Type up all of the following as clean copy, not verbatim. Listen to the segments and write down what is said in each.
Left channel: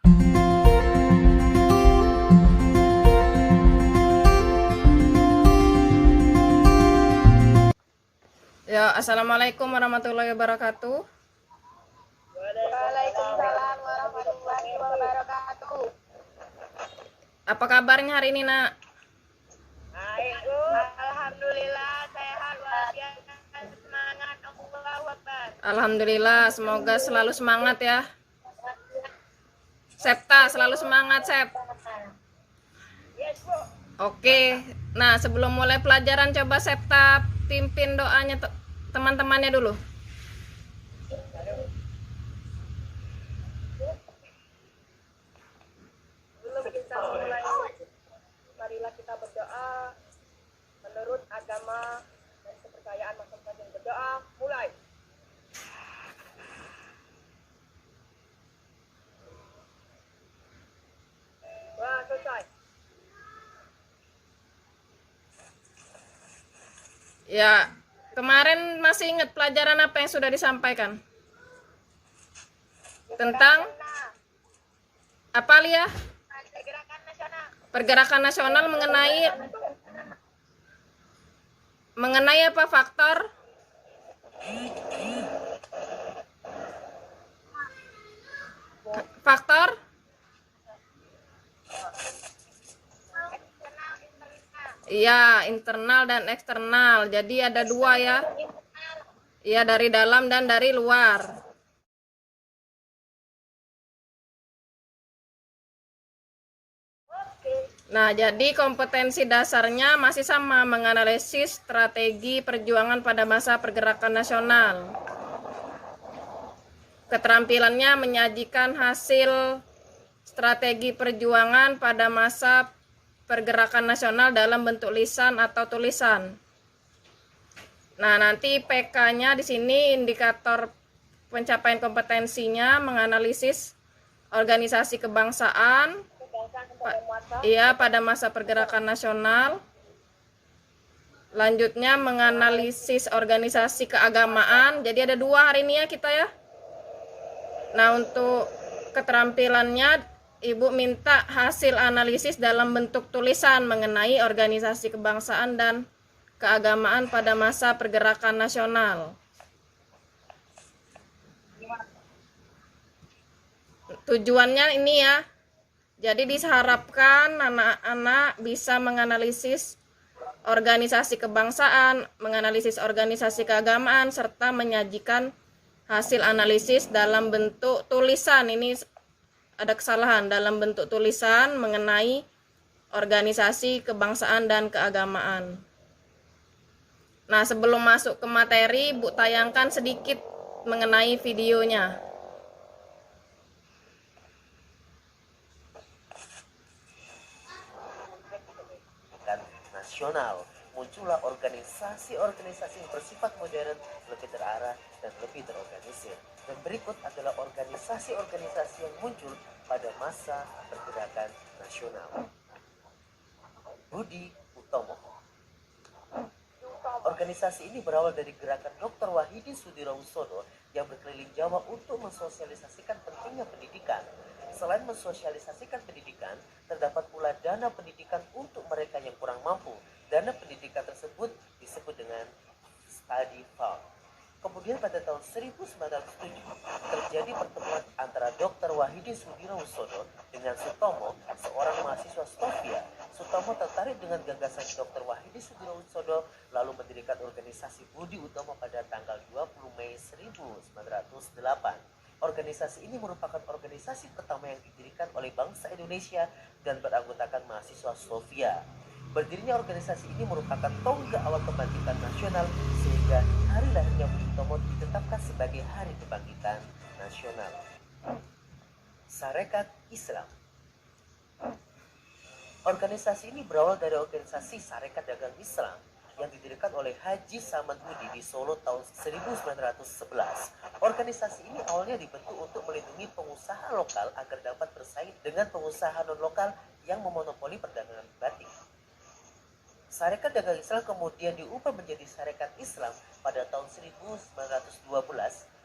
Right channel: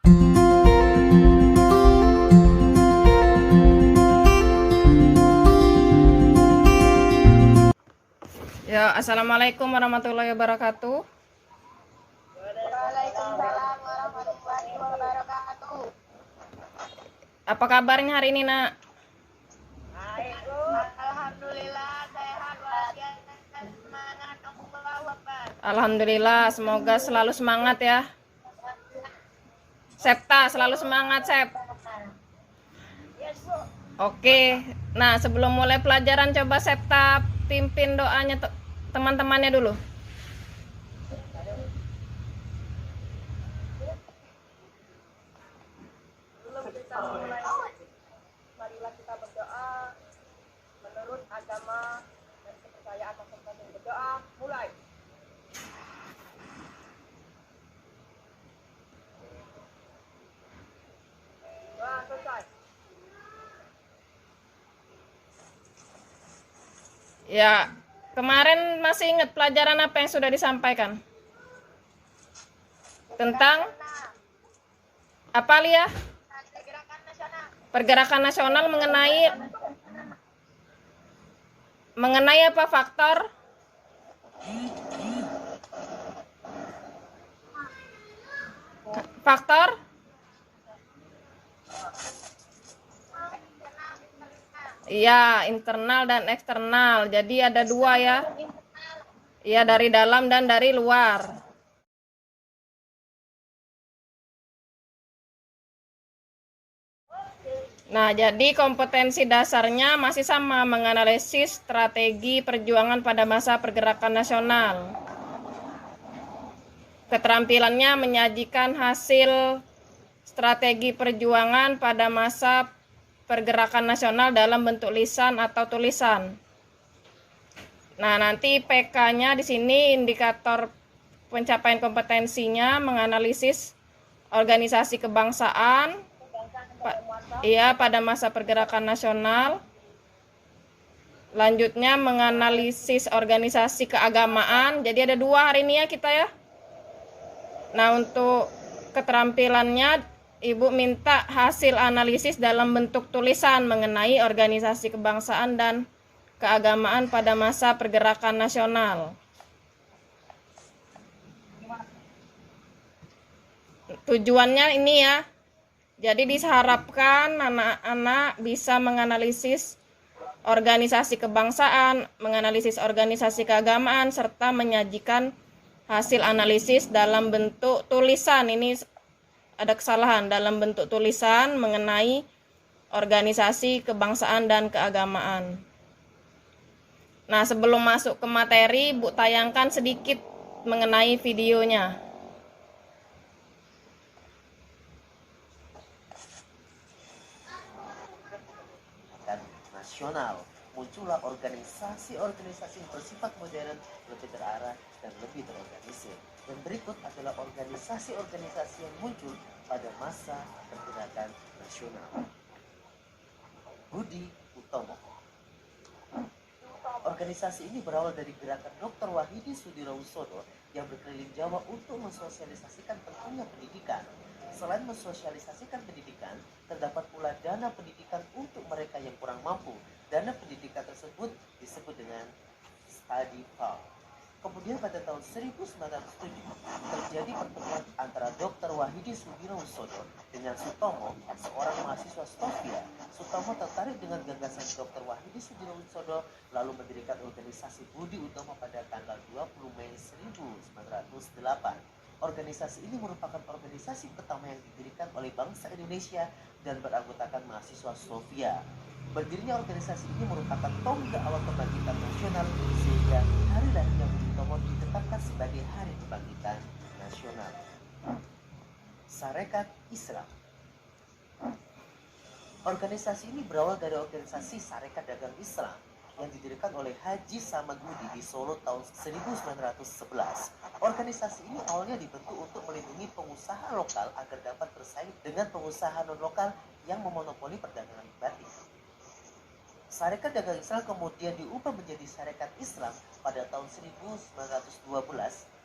Ya, assalamualaikum warahmatullahi wabarakatuh. Waalaikumsalam warahmatullahi wabarakatuh. Apa kabarnya hari ini, Nak? Alhamdulillah sehat walafiat semangat Allahu Akbar. Alhamdulillah, semoga selalu semangat ya. Septa, selalu semangat, Sep. Yes, Bu. Oke, nah sebelum mulai pelajaran coba Septa pimpin doanya teman-temannya dulu. Sebelum kita mulai, marilah kita berdoa menurut agama dan kepercayaan masing-masing. Berdoa, mulai. Wah, selesai. Ya, kemarin masih ingat pelajaran apa yang sudah disampaikan? Tentang apa, Lia? Gerakan nasional. Pergerakan nasional mengenai apa faktor? Faktor? Iya, internal dan eksternal. Jadi ada dua ya. Iya, dari dalam dan dari luar. Nah, jadi kompetensi dasarnya masih sama, menganalisis strategi perjuangan pada masa pergerakan nasional. Keterampilannya menyajikan hasil strategi perjuangan pada masa pergerakan nasional dalam bentuk lisan atau tulisan. Nah, nanti PK-nya di sini indikator pencapaian kompetensinya menganalisis organisasi kebangsaan pada masa pergerakan nasional. Lanjutnya menganalisis organisasi keagamaan. Jadi ada dua hari ini ya kita ya. Nah, untuk keterampilannya Ibu minta hasil analisis dalam bentuk tulisan mengenai organisasi kebangsaan dan keagamaan pada masa pergerakan nasional. Tujuannya ini ya. Jadi diharapkan anak-anak bisa menganalisis organisasi kebangsaan, menganalisis organisasi keagamaan, serta menyajikan hasil analisis dalam bentuk tulisan. Ini ada kesalahan, dalam bentuk tulisan mengenai organisasi kebangsaan dan keagamaan. Nah, sebelum masuk ke materi, Bu tayangkan sedikit mengenai videonya. Nasional, muncullah organisasi-organisasi yang bersifat modern, lebih terarah dan lebih terorganisir. Dan berikut adalah organisasi-organisasi yang muncul pada masa pergerakan nasional. Budi Utomo. Organisasi ini berawal dari gerakan Dr. Wahidi Sudirohusodo yang berkeliling Jawa untuk mensosialisasikan pentingnya pendidikan. Selain mensosialisasikan pendidikan, terdapat pula dana pendidikan untuk mereka yang kurang mampu. Dana pendidikan tersebut disebut dengan study fund. Kemudian pada tahun 1907 terjadi pertemuan antara Dr. Wahidi Sudirohusodo dengan Sutomo, seorang mahasiswa Stovia. Sutomo tertarik dengan gagasan Dr. Wahidi Sudirohusodo lalu mendirikan organisasi Budi Utomo pada tanggal 20 Mei 1908. Organisasi ini merupakan organisasi pertama yang didirikan oleh bangsa Indonesia dan beranggotakan mahasiswa Stovia. Berdirinya organisasi ini merupakan tonggak awal kebangkitan nasional sehingga hari lahirnya Budi Utomo ditetapkan sebagai Hari Kebangkitan Nasional. Sarekat Islam. Organisasi ini berawal dari organisasi Sarekat Dagang Islam yang didirikan oleh Haji Samad Budi di Solo tahun 1911. Organisasi ini awalnya dibentuk untuk melindungi pengusaha lokal agar dapat bersaing dengan pengusaha non-lokal yang memonopoli perdagangan batik. Sarekat Dagang Islam kemudian diubah menjadi Sarekat Islam pada tahun 1912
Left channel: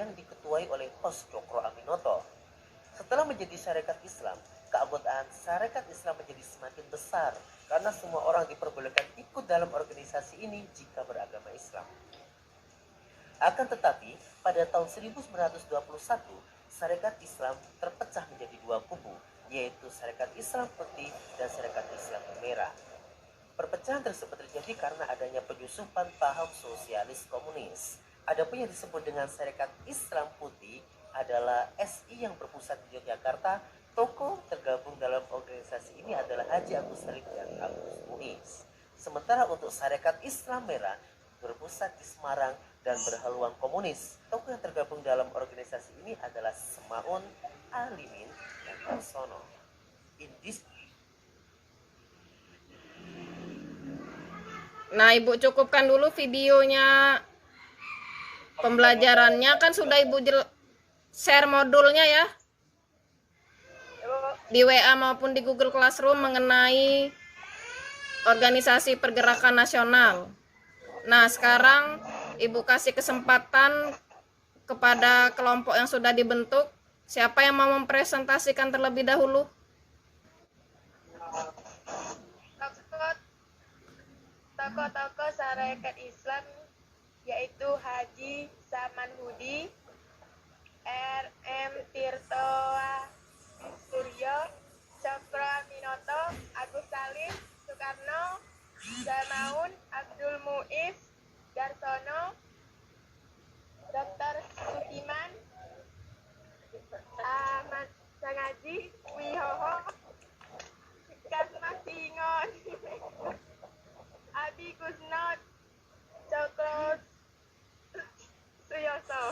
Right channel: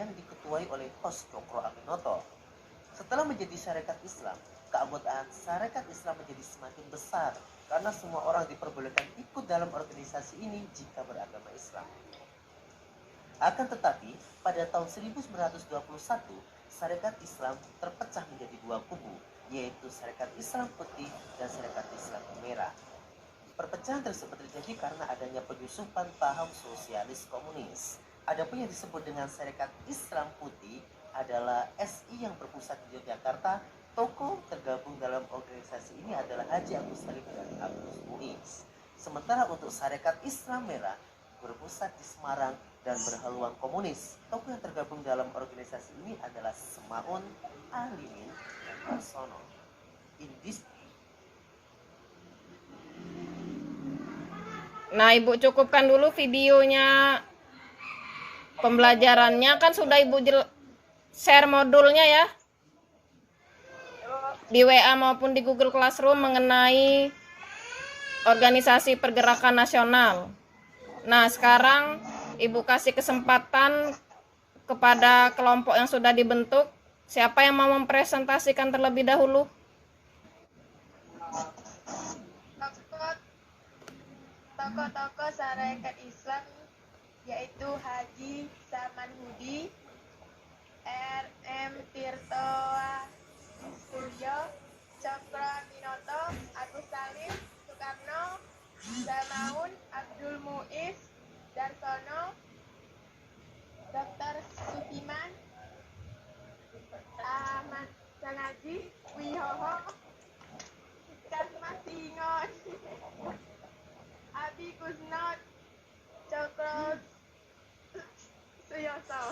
yang diketuai oleh Hos Cokro Aminoto. Setelah menjadi syarikat Islam, keanggotaan syarikat Islam menjadi semakin besar karena semua orang diperbolehkan ikut dalam organisasi ini jika beragama Islam. Akan tetapi, pada tahun 1921, syarikat Islam terpecah menjadi dua kubu, yaitu syarikat Islam Putih dan syarikat Islam Merah. Perpecahan tersebut terjadi karena adanya penyusupan paham sosialis komunis. Adapun yang disebut dengan syarikat Islam Putih adalah SI yang berpusat di Yogyakarta. Tokoh tergabung dalam organisasi ini adalah Haji Agus Salim dan Agus Muiz. Sementara untuk syarikat Islam Merah berpusat di Semarang dan berhaluan komunis. Tokoh yang tergabung dalam organisasi ini adalah Semaun, Alimin, dan Harsono. Nah, Ibu cukupkan dulu videonya. Pembelajarannya kan sudah Ibu share modulnya ya, di WA maupun di Google Classroom mengenai organisasi pergerakan nasional. Nah, sekarang Ibu kasih kesempatan kepada kelompok yang sudah dibentuk. Siapa yang mau mempresentasikan terlebih dahulu? Tokoh-tokoh syarikat Islam yaitu Haji Samanhudi, R.M. Tirto Suryo, Cokro Minoto, Agus Salim, Soekarno, Semaun, Abdul Muiz, Darsono, Dr. Sukiman, Ahmad Sangaji, Wihoho, Kasmas Singon, Abi Kusnot, Cokro Suyoso.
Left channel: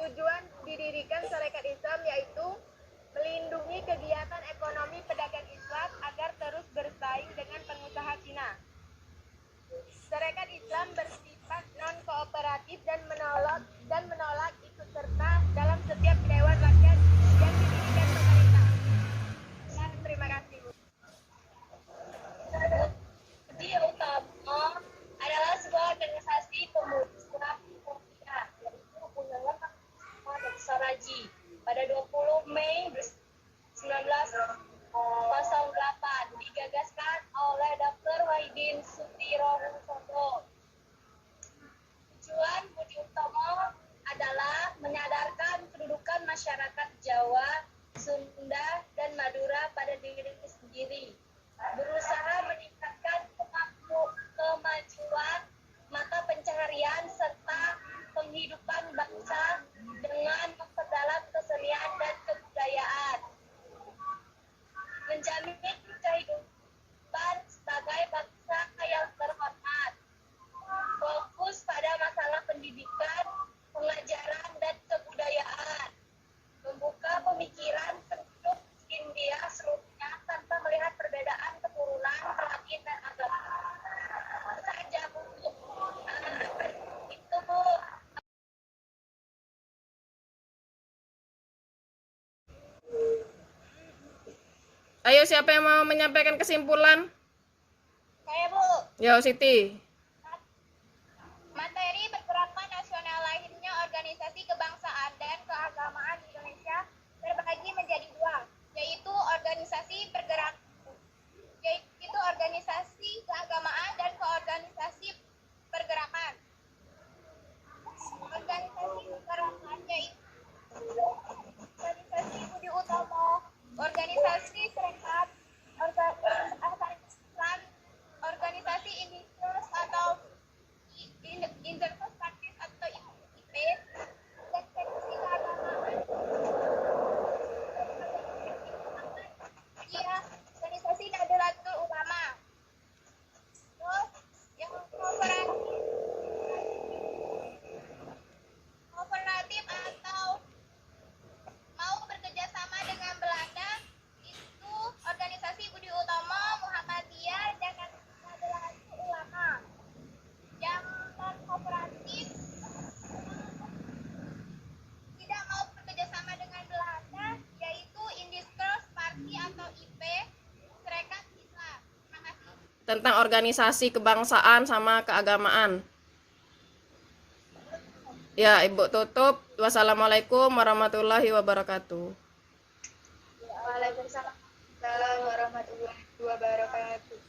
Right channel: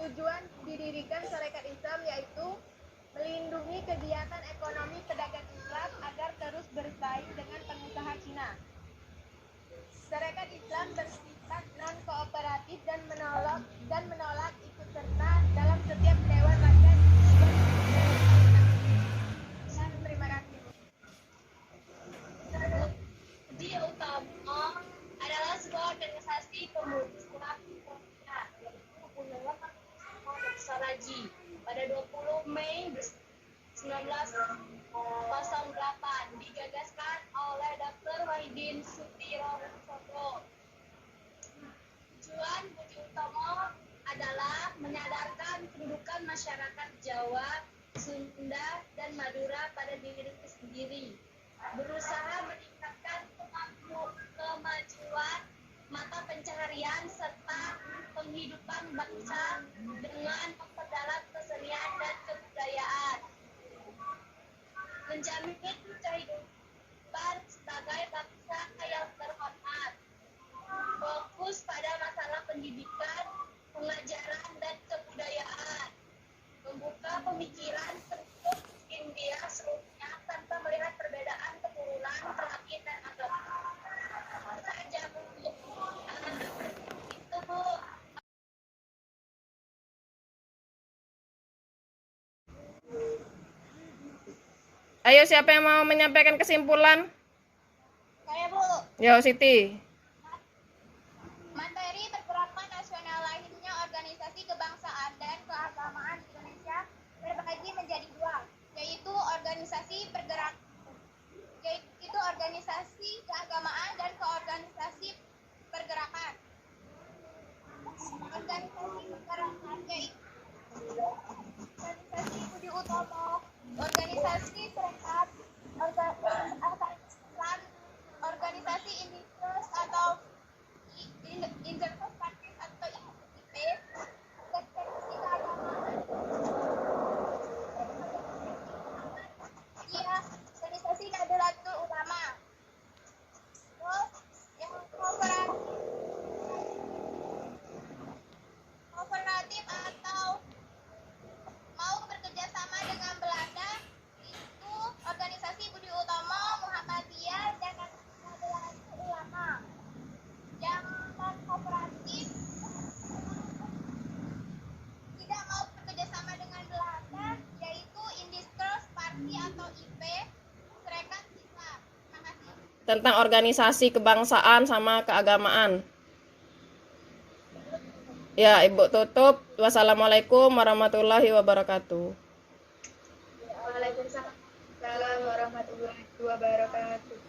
Tujuan didirikan syarikat Islam yaitu melindungi kegiatan ekonomi pedagang Islam agar terus bersaing dengan pengusaha Cina. Syarikat Islam bersifat non-kooperatif dan menolak ikut serta dalam setiap dewan rakyat dan pemerintah. Terima kasih, Bu. Budi Utomo adalah sebuah organisasi pemuda Saraji pada 20 Mei 1908 digagaskan oleh Dr. Wahidin Sudirohusodo. Tujuan Budi Utomo adalah menyadarkan kedudukan masyarakat Jawa, Sunda, dan Madura pada diri sendiri, berusaha meningkatkan kemajuan mata pencaharian serta penghidupan bangsa dengan memperdalam kesenian dan kebudayaan, menjamin kehidupan sebagai bangsa yang terhormat, fokus pada masalah pendidikan, pengajaran, dan kebudayaan, membuka pemikiran penduduk India seluruhnya tanpa melihat perbedaan keturunan, kelamin, dan agama. Saja Bu. Itu Bu. Ayo, siapa yang mau menyampaikan kesimpulan? Saya Bu. Yo, Siti. Materi pergerakan nasional lahirnya organisasi kebangsaan dan keagamaan Indonesia terbagi menjadi dua, yaitu organisasi keagamaan dan keorganisasi pergerakan. Organisasi pergerakan yaitu organisasi Budi Utomo, organisasi Serikat, organisasi Indikos atau Interkos Partis atau IP, dan seksi keagamaan. Iya, organisasi Nahdlatul Ulama. Terus yang kooperatif atau mau bekerja sama dengan Belanda, itu organisasi Budi Utomo, Muhammadiyah, dan Nahdlatul Ulama. Yang non kooperatif tidak mau bekerja sama dengan Belanda, yaitu Indikos Parti atau IP, Serikat Islam. Terima kasih. Tentang organisasi kebangsaan sama keagamaan. Ya, Ibu tutup. Wassalamualaikum warahmatullahi wabarakatuh. Waalaikumsalam warahmatullahi wabarakatuh.